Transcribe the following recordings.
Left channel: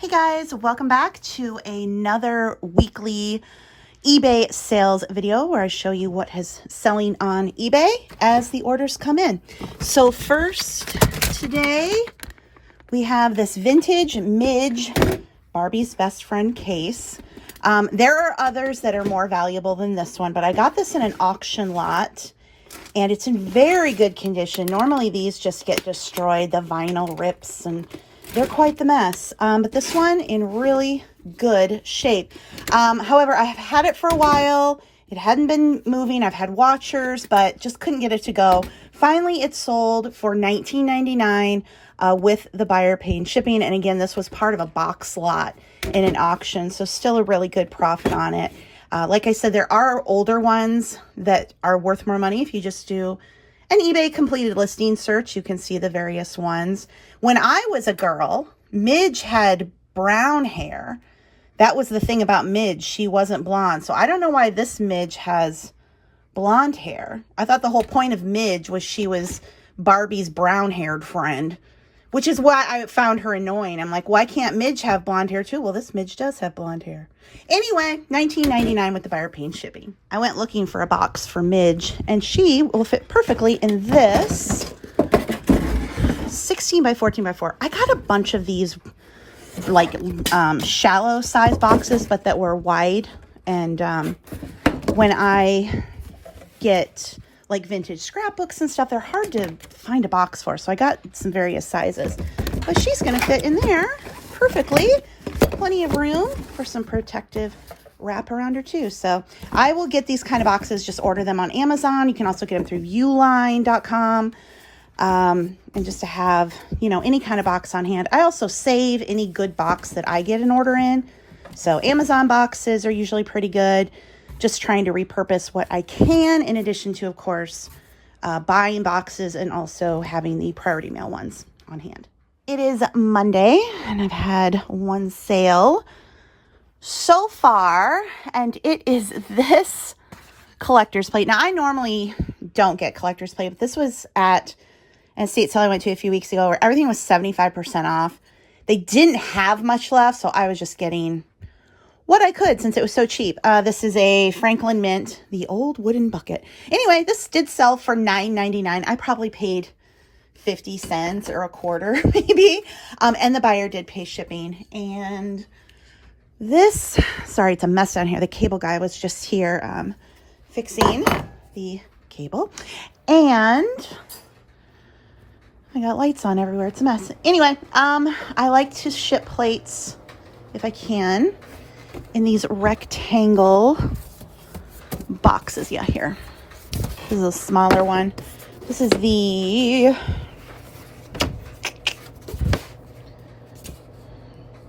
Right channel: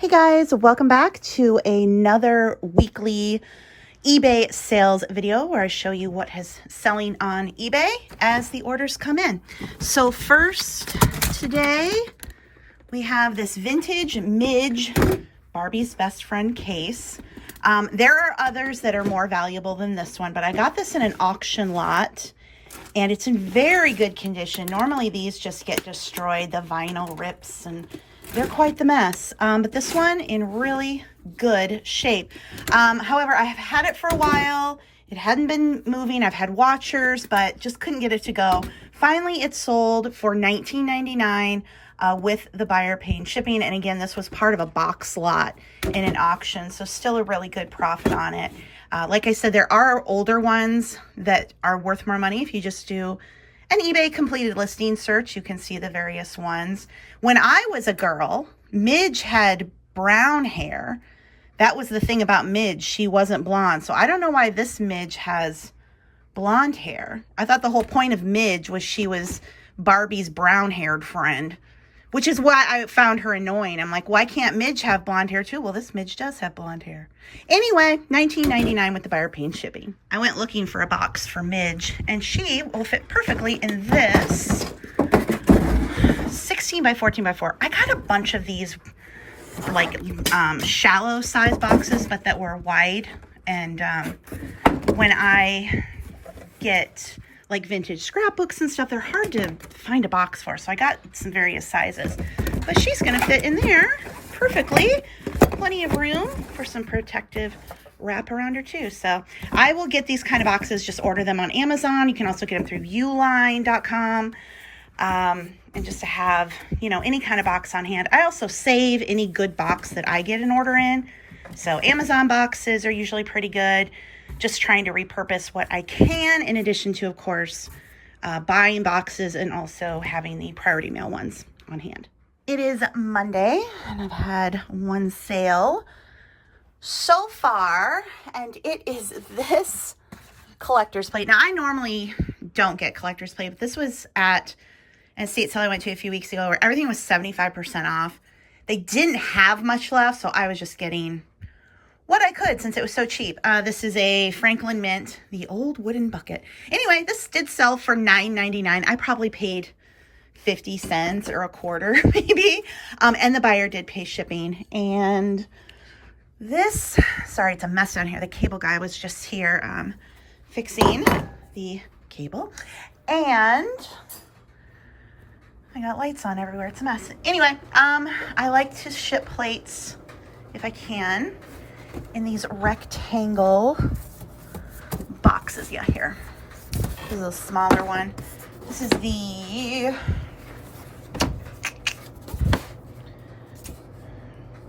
Hey guys, welcome back to another weekly eBay sales video where I show you what is selling on eBay as the orders come in. So first today we have this vintage Midge Barbie's best friend case. There are others that are more valuable than this one, but I got this in an auction lot and it's in very good condition. Normally these just get destroyed, the vinyl rips and they're quite the mess, but this one in really good shape. However, I've had it for a while. It hadn't been moving. I've had watchers, but just couldn't get it to go. Finally, it sold for $19.99 with the buyer paying shipping. And again, this was part of a box lot in an auction, so still a really good profit on it. Like I said, there are older ones that are worth more money. If you just do an eBay completed listing search, you can see the various ones. When I was a girl, Midge had brown hair. That was the thing about Midge. She wasn't blonde. So I don't know why this Midge has blonde hair. I thought the whole point of Midge was she was Barbie's brown-haired friend, which is why I found her annoying. I'm like, why can't Midge have blonde hair too? Well, this Midge does have blonde hair. Anyway, $19.99 with the buyer paying shipping. I went looking for a box for Midge, and she will fit perfectly in this 16 by 14 by 4. I got a bunch of these like shallow size boxes, but that were wide. And when I get like vintage scrapbooks and stuff, they're hard to find a box for. So I got some various sizes, but she's going to fit in there perfectly. Plenty of room for some protective wrap around her too. So I will get these kind of boxes, just order them on Amazon. You can also get them through uline.com. And just to have, you know, any kind of box on hand. I also save any good box that I get an order in. So Amazon boxes are usually pretty good. Just trying to repurpose what I can, in addition to, of course, buying boxes and also having the priority mail ones on hand. It is Monday and I've had one sale so far, and it is this collector's plate. Now, I normally don't get collector's plate, but this was at an estate sale I went to a few weeks ago where everything was 75% off. They didn't have much left, so I was just getting what I could since it was so cheap. This is a Franklin Mint, the old wooden bucket. Anyway, this did sell for $9.99. I probably paid 50 cents or a quarter maybe. And the buyer did pay shipping. And this, sorry, it's a mess down here. The cable guy was just here fixing the cable. And I got lights on everywhere. It's a mess. Anyway, I like to ship plates if I can in these rectangle boxes. Yeah, here. This is a smaller one. This is the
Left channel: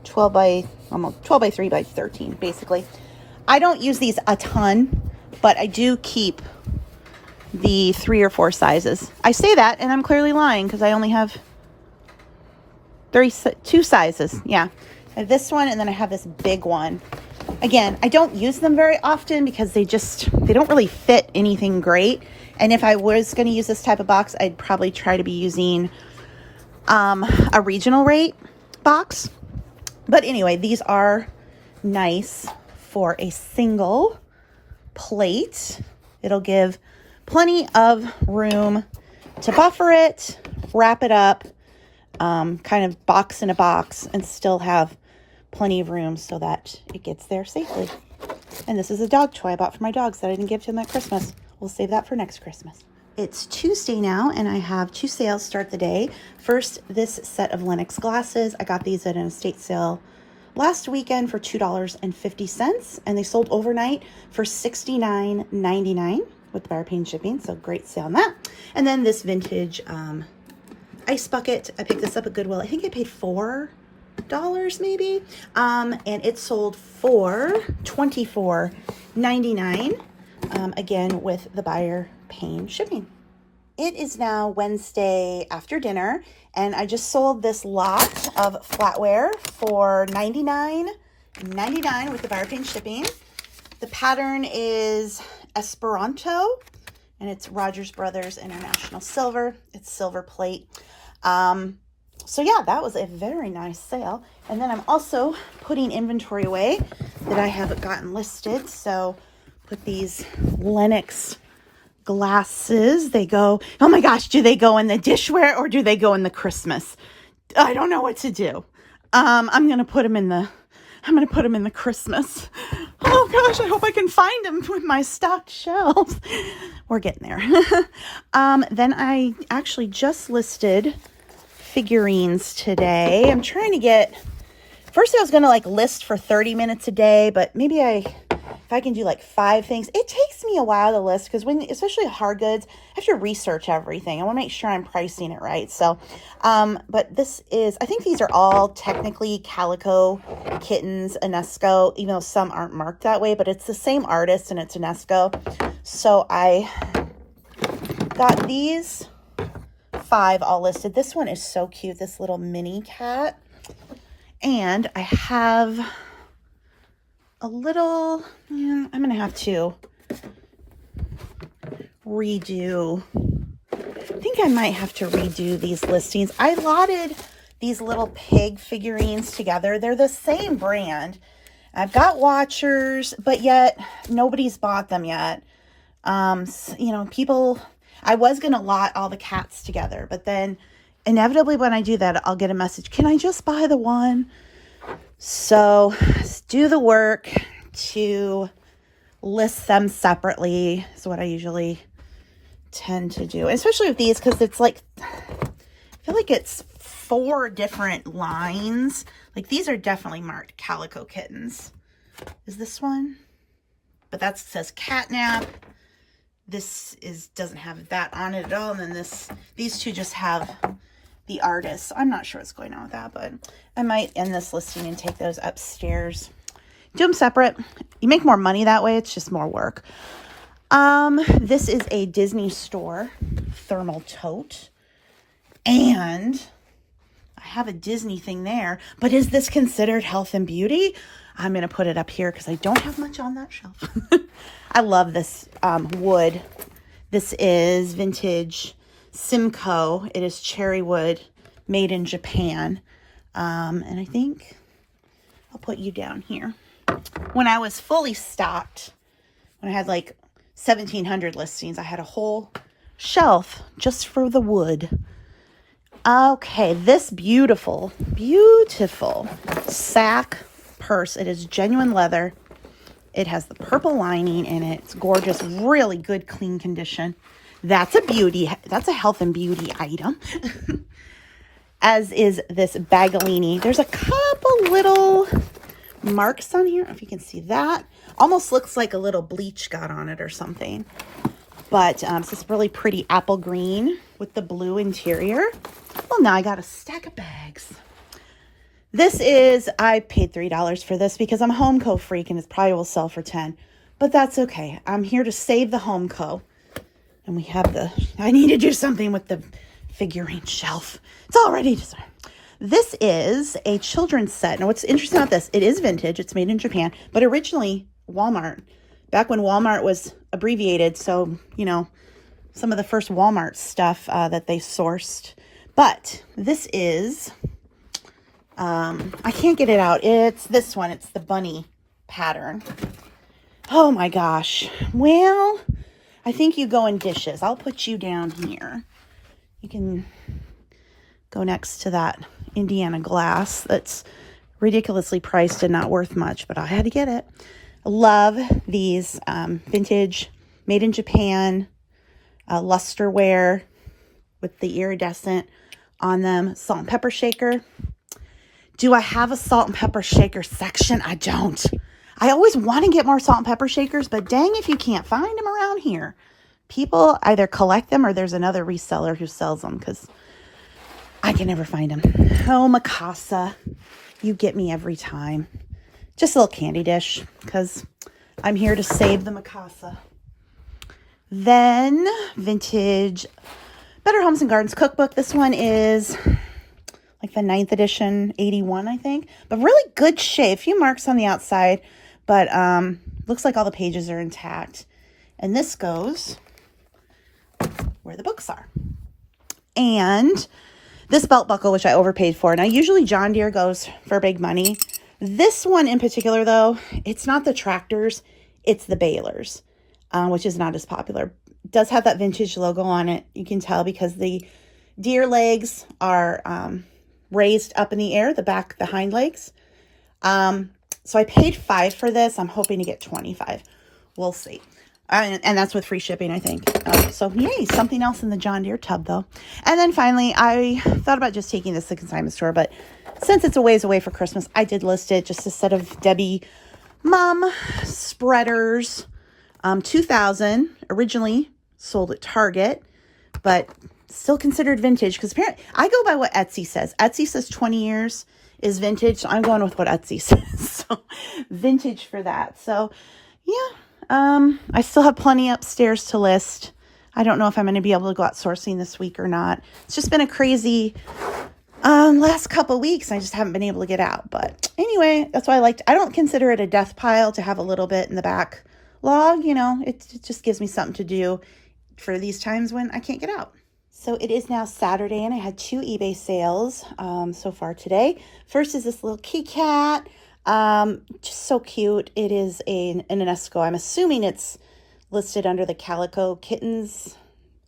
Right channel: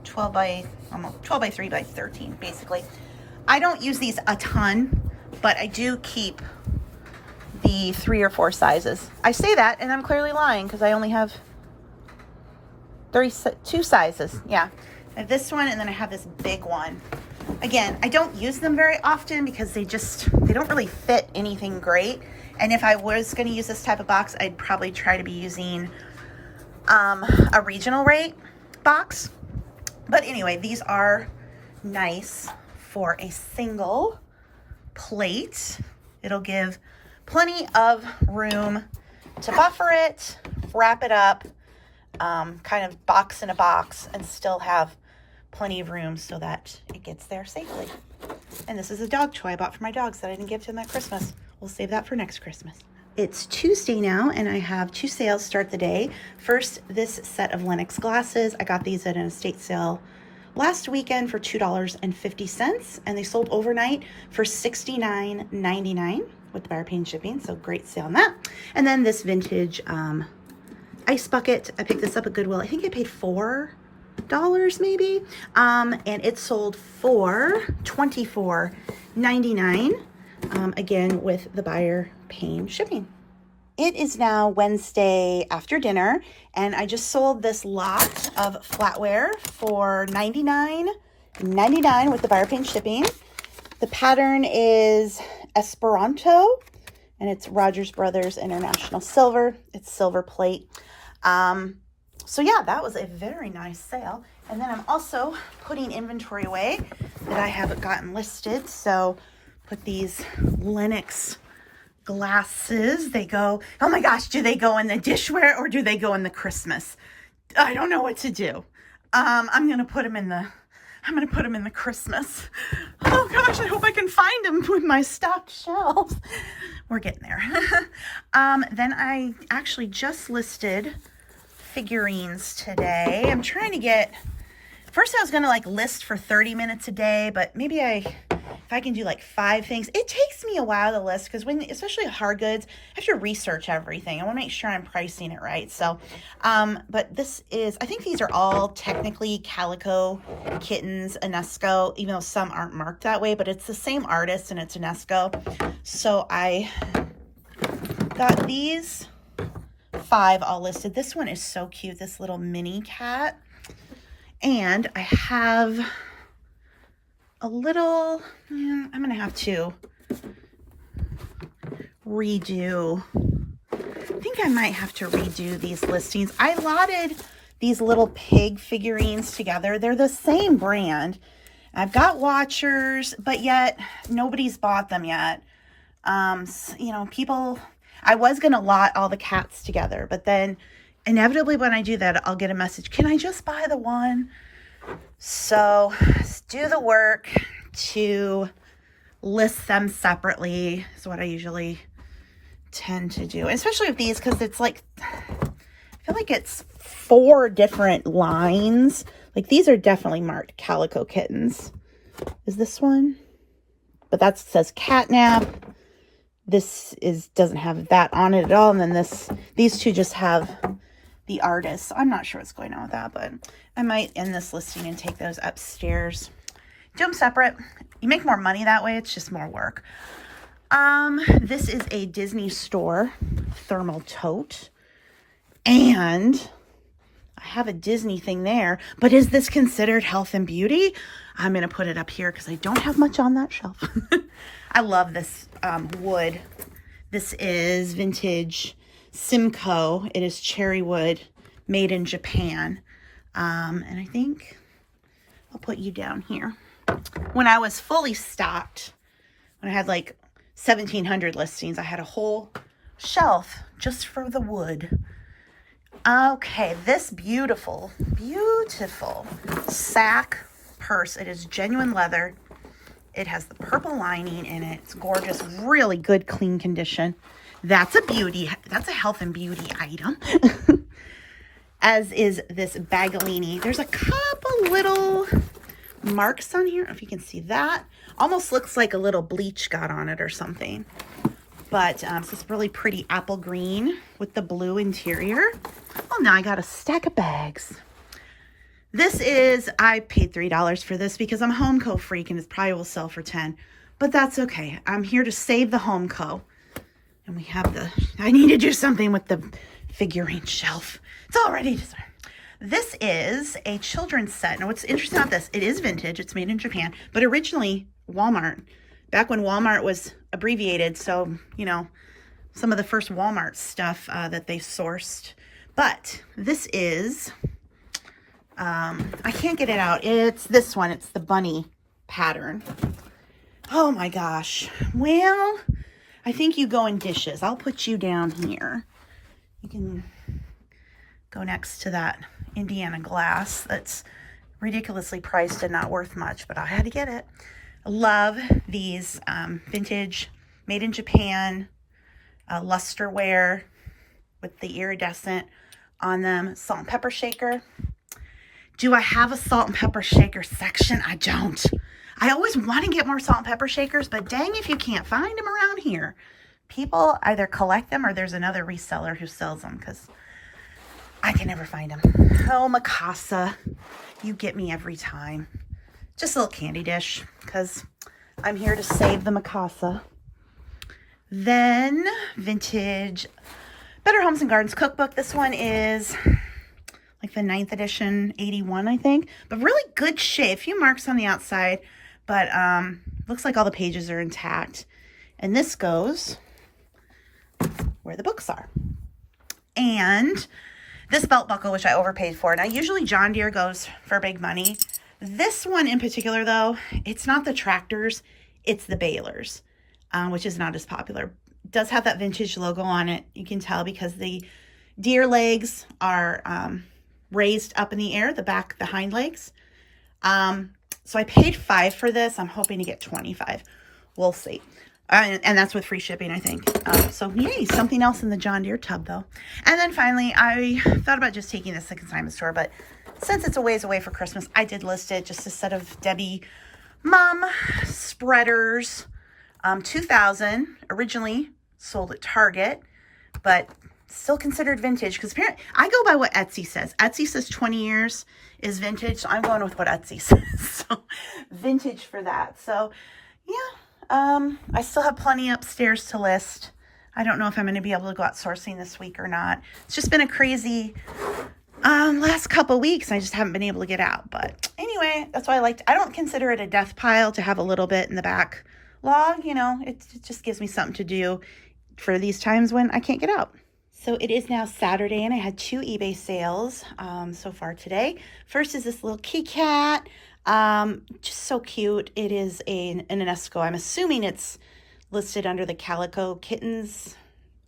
12 by 3 by 13, basically. I don't use these a ton, but I do keep the 3 or 4 sizes. I say that and I'm clearly lying because I only have 2 sizes. Yeah, I have this one and then I have this big one. Again, I don't use them very often because they don't really fit anything great. And if I was going to use this type of box, I'd probably try to be using a regional rate box. But anyway, these are nice for a single plate. It'll give plenty of room to buffer it, wrap it up, kind of box in a box, and still have plenty of room so that it gets there safely. And this is a dog toy I bought for my dogs that I didn't give to them at Christmas. We'll save that for next Christmas. It's Tuesday now, and I have 2 sales start the day. First, this set of Lennox glasses. I got these at an estate sale last weekend for $2.50, and they sold overnight for $69.99 with the buyer paying shipping, so great sale on that. And then this vintage ice bucket. I picked this up at Goodwill. I think I paid $4 maybe, and it sold for $24.99, again with the buyer paying shipping. It is now Wednesday after dinner, and I just sold this lot of flatware for $99.99 with the buyer paying shipping. The pattern is Esperanto, and it's Rogers Brothers International Silver. It's silver plate. So yeah, that was a very nice sale. And then I'm also putting inventory away that I haven't gotten listed. So put these Lennox glasses. They go, oh my gosh, do they go in the dishware or do they go in the Christmas? I don't know what to do. I'm going to put them in the Christmas. Oh gosh, I hope I can find them with my stocked shelves. We're getting there. Then I actually just listed figurines today. I'm trying to get, first I was going to like list for 30 minutes a day, but maybe if I can do like 5 things. It takes me a while to list because especially hard goods, I have to research everything. I want to make sure I'm pricing it right. So, but this is, I think these are all technically Calico Kittens, Enesco, even though some aren't marked that way, but it's the same artist and it's Enesco. So I got these 5 all listed. This one is so cute, this little mini cat. And I have a little, I'm going to have to redo, I think I might have to redo these listings. I lotted these little pig figurines together. They're the same brand. I've got watchers, but yet nobody's bought them yet. You know, people, I was going to lot all the cats together, but then inevitably when I do that, I'll get a message, can I just buy the one? So do the work to list them separately is what I usually tend to do, especially with these because it's like, I feel like it's 4 different lines. Like these are definitely marked Calico Kittens. Is this one? But that says catnap. This doesn't have that on it at all. And then these 2 just have the artist. I'm not sure what's going on with that, but I might end this listing and take those upstairs. Do them separate. You make more money that way. It's just more work. This is a Disney store thermal tote. And I have a Disney thing there, but is this considered health and beauty? I'm going to put it up here because I don't have much on that shelf. I love this wood. This is vintage Simcoe. It is cherry wood made in Japan. And I think I'll put you down here. When I was fully stocked, when I had like 1,700 listings, I had a whole shelf just for the wood. Okay, this beautiful, beautiful sack purse. It is genuine leather. It has the purple lining in it. It's gorgeous, really good, clean condition. That's a beauty. That's a health and beauty item. As is this Bagolini. There's a couple little marks on here. I don't know if you can see that. Almost looks like a little bleach got on it or something. But it's this really pretty apple green with the blue interior. Well, now I got a stack of bags. This is, I paid $3 for this because I'm a Homeco freak and it probably will sell for $10. But that's okay. I'm here to save the Homeco. And we have I need to do something with the figurine shelf. It's all ready to start. This is a children's set. Now, what's interesting about this, it is vintage. It's made in Japan, but originally Walmart, back when Walmart was abbreviated. So, you know, some of the first Walmart stuff that they sourced. But this is, I can't get it out. It's this one. It's the bunny pattern. Oh my gosh. Well, I think you go in dishes. I'll put you down here. You can go next to that Indiana glass that's ridiculously priced and not worth much, but I had to get it. Love these vintage, made in Japan, lusterware with the iridescent on them. Salt and pepper shaker. Do I have a salt and pepper shaker section? I don't. I always want to get more salt and pepper shakers, but dang if you can't find them around here. People either collect them or there's another reseller who sells them because I can never find them. Oh, Mikasa, you get me every time. Just a little candy dish because I'm here to save the Mikasa. Then vintage Better Homes and Gardens Cookbook. This one is like the 9th edition, 81, I think, but really good shape. A few marks on the outside, but looks like all the pages are intact. And this goes where the books are. And This belt buckle, which I overpaid for. Now, usually John Deere goes for big money. This one in particular, though, it's not the tractors, it's the balers, which is not as popular. It does have that vintage logo on it. You can tell because the Deere legs are raised up in the air, the hind legs. So I paid $5 for this. I'm hoping to get $25. We'll see. And that's with free shipping, I think. So yay, something else in the John Deere tub, though. And then finally, I thought about just taking this to the consignment store, but since it's a ways away for Christmas, I did list it just a set of Debbie Mom spreaders. 2000 originally sold at Target, but still considered vintage because apparently I go by what Etsy says. Etsy says 20 years is vintage, so I'm going with what Etsy says. So vintage for that. So yeah. I still have plenty upstairs to list. I don't know if I'm going to be able to go out sourcing this week or not. It's just been a crazy last couple weeks. I just haven't been able to get out. But anyway, that's why I don't consider it a death pile to have a little bit in the back log. You know, it just gives me something to do for these times when I can't get out. So it is now Saturday, and I had 2 eBay sales so far today. First is this little kitty cat. Just so cute. It is an Esco. I'm assuming it's listed under the Calico Kittens,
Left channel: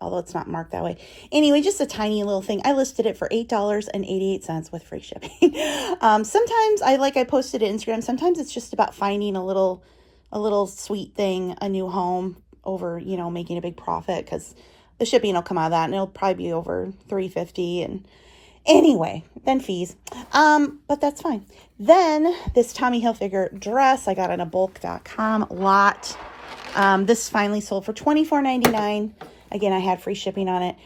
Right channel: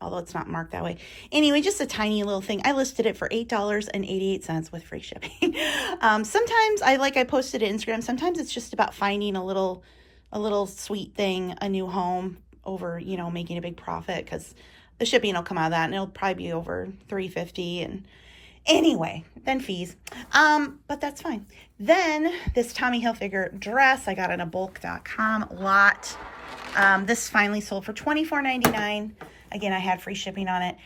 although it's not marked that way. Anyway, just a tiny little thing. I listed it for $8.88 with free shipping. Sometimes I posted it to Instagram. Sometimes it's just about finding a little sweet thing, a new home over, you know, making a big profit because the shipping will come out of that and it'll probably be over $3.50 and anyway, then fees. But that's fine. Then this Tommy Hilfiger dress I got on a bulk.com lot. This finally sold for $24.99. Again, I had free shipping on it.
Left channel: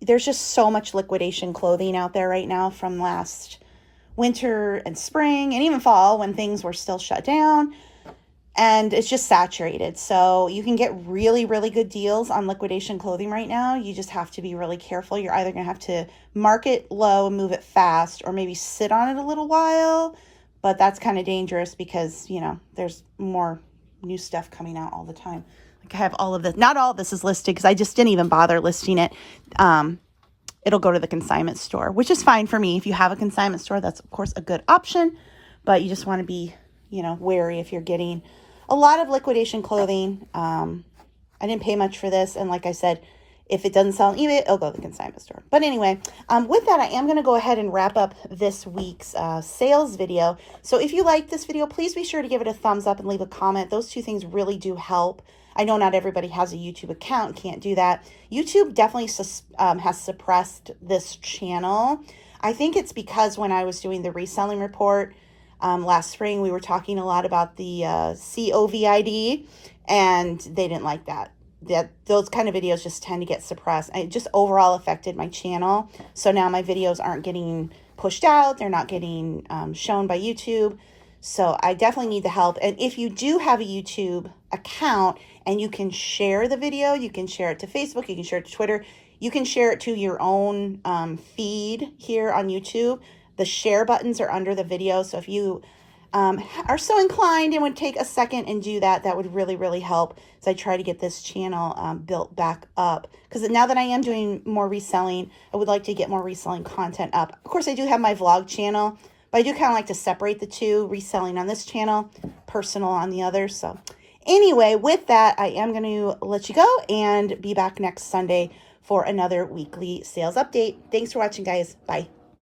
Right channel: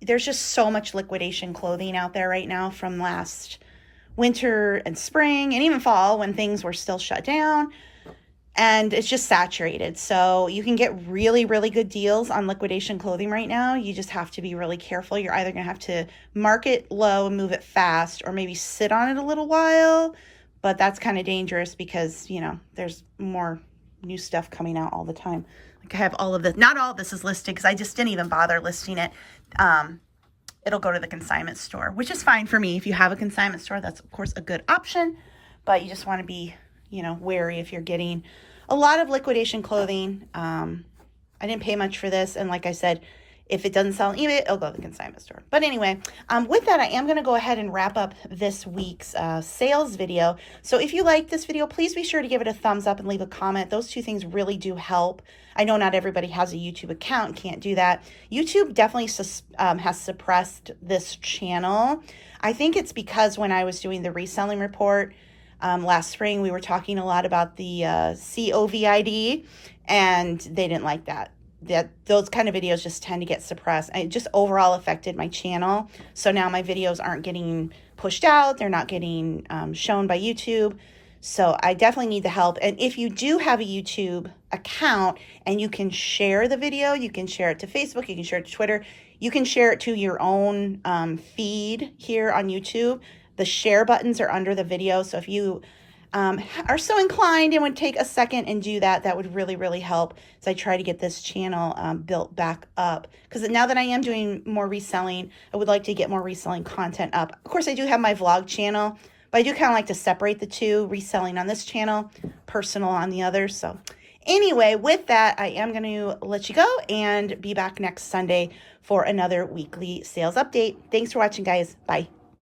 There's just so much liquidation clothing out there right now from last winter and spring and even fall when things were still shut down. And it's just saturated. So you can get really, really good deals on liquidation clothing right now. You just have to be really careful. You're either going to have to mark it low and move it fast or maybe sit on it a little while. But that's kind of dangerous because, you know, there's more new stuff coming out all the time. Like I have all of this. Not all of this is listed because I just didn't even bother listing it. It'll go to the consignment store, which is fine for me. If you have a consignment store, that's, of course, a good option. But you just want to be, you know, wary if you're getting a lot of liquidation clothing. I didn't pay much for this. And like I said, if it doesn't sell on eBay, it'll go to the consignment store. But anyway, with that, I am going to go ahead and wrap up this week's sales video. So if you like this video, please be sure to give it a thumbs up and leave a comment. Those two things really do help. I know not everybody has a YouTube account, can't do that. YouTube definitely has suppressed this channel. I think it's because when I was doing the reselling report, last spring, we were talking a lot about the COVID, and they didn't like that. Those kind of videos just tend to get suppressed. It just overall affected my channel. So now my videos aren't getting pushed out. They're not getting shown by YouTube. So I definitely need the help. And if you do have a YouTube account and you can share the video, you can share it to Facebook, you can share it to Twitter, you can share it to your own feed here on YouTube. The share buttons are under the video. So if you are so inclined and would take a second and do that, that would really, really help as I try to get this channel built back up. Because now that I am doing more reselling, I would like to get more reselling content up. Of course, I do have my vlog channel, but I do kind of like to separate the two, reselling on this channel, personal on the other. So anyway, with that, I am going to let you go and be back next Sunday for another weekly sales update. Thanks for watching, guys. Bye.